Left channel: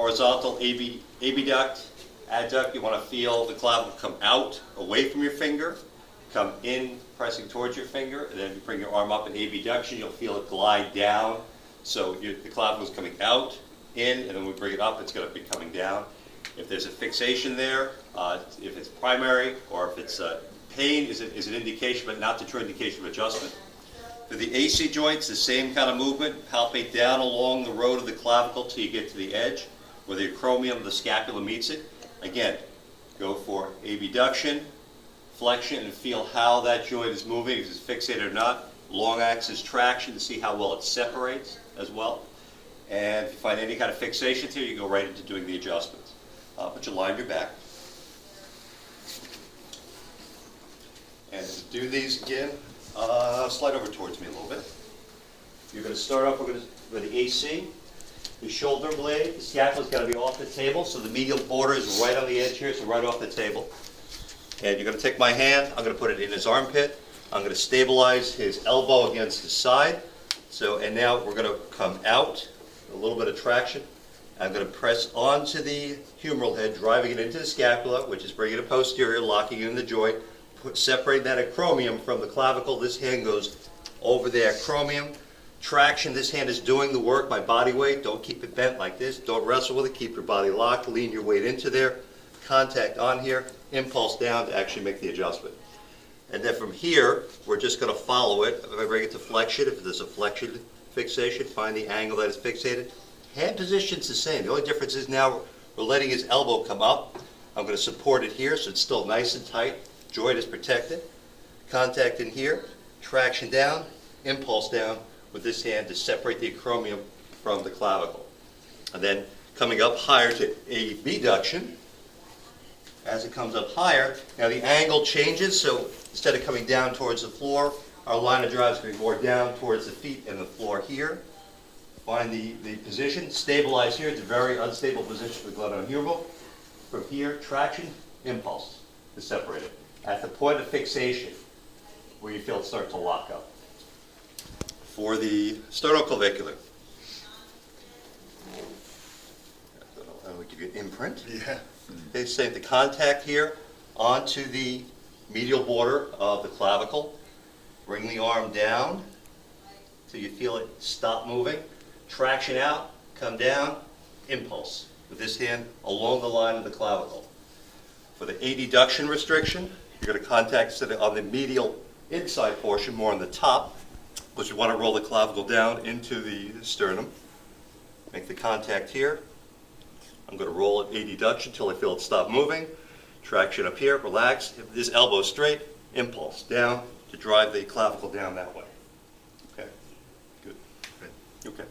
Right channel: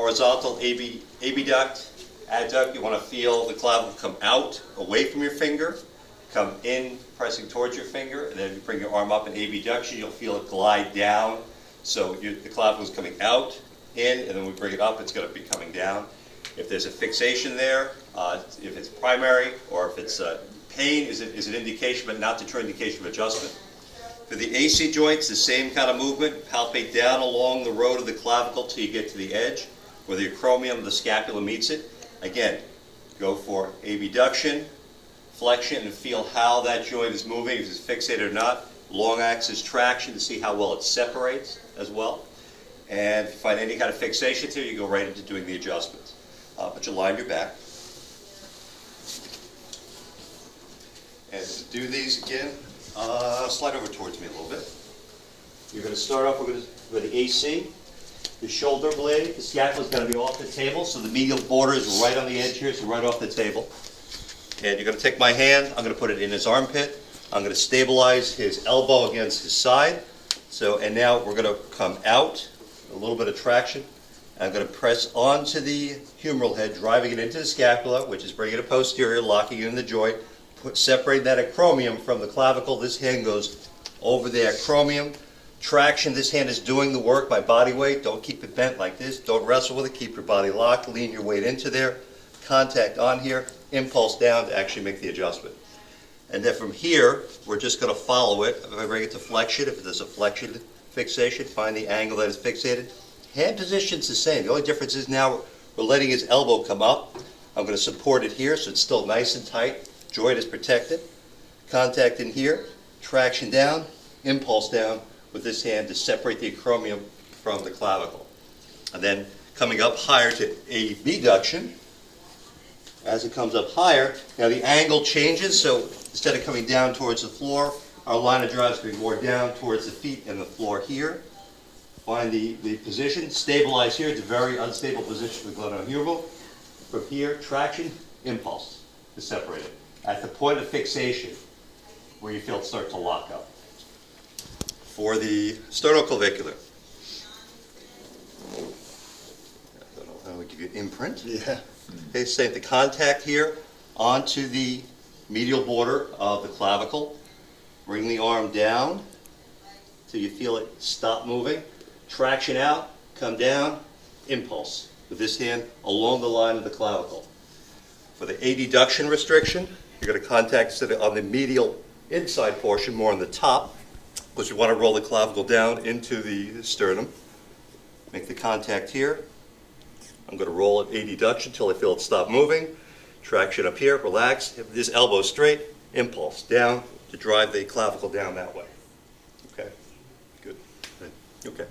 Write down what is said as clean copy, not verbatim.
horizontal abduct, adduct. You want to feel the clavicle come out, away from your finger, come in, pressing towards your finger, and then you bring your arm up in abduction. You'll feel it glide down. So the clavicle is coming out, in, and then when we bring it up, it's going to be coming down. If there's a fixation there, if it's primary or if it's pain is an indication, but not the true indication of adjustment. For the AC joints, the same kind of movement. Palpate down along the road of the clavicle till you get to the edge where the acromion of the scapula meets it. Again, go for abduction, flexion, and feel how that joint is moving, if it's fixated or not. Long axis traction to see how well it separates as well. And if you find any kind of fixation here, you go right into doing the adjustments. But you line your back. And to do these again, slide over towards me a little bit. You're going to start off with the AC. The shoulder blade, the scapula is going to be off the table, so the medial border is right on the edge here, so right off the table. And you're going to take my hand, I'm going to put it in his armpit. I'm going to stabilize his elbow against his side. And now we're going to come out, a little bit of traction. I'm going to press onto the humeral head, driving it into the scapula, which is bringing it posterior, locking it in the joint. Separate that acromion from the clavicle. This hand goes over the acromion. Traction, this hand is doing the work by body weight. Don't keep it bent like this. Don't wrestle with it. Keep your body locked. Lean your weight into there. Contact on here. Impulse down to actually make the adjustment. And then from here, we're just going to follow it. If I bring it to flexion, if there's a flexion fixation, find the angle that is fixated. Hand position's the same. The only difference is now we're letting his elbow come up. I'm going to support it here so it's still nice and tight. Joint is protected. Contact in here. Traction down. Impulse down with this hand to separate the acromion from the clavicle. And then coming up higher to abduction. As it comes up higher, now the angle changes, so instead of coming down towards the floor, our line of drive is going more down towards the feet and the floor here. Find the position, stabilize here. It's a very unstable position for the glenohumeral. From here, traction, impulse to separate it. At the point of fixation, where you feel it start to lock up. For the sterno-clavicular, I'm going to give you an imprint. Yeah. Okay, same the contact here onto the medial border of the clavicle. Bring the arm down till you feel it stop moving. Traction out, come down, impulse with this hand along the line of the clavicle. For the adduction restriction, you're going to contact on the medial inside portion, more on the top, because you want to roll the clavicle down into the sternum. Make the contact here. I'm going to roll it adduction until I feel it stop moving. Traction up here, relax. This elbow straight, impulse down to drive the clavicle down that way. Okay, good. Okay.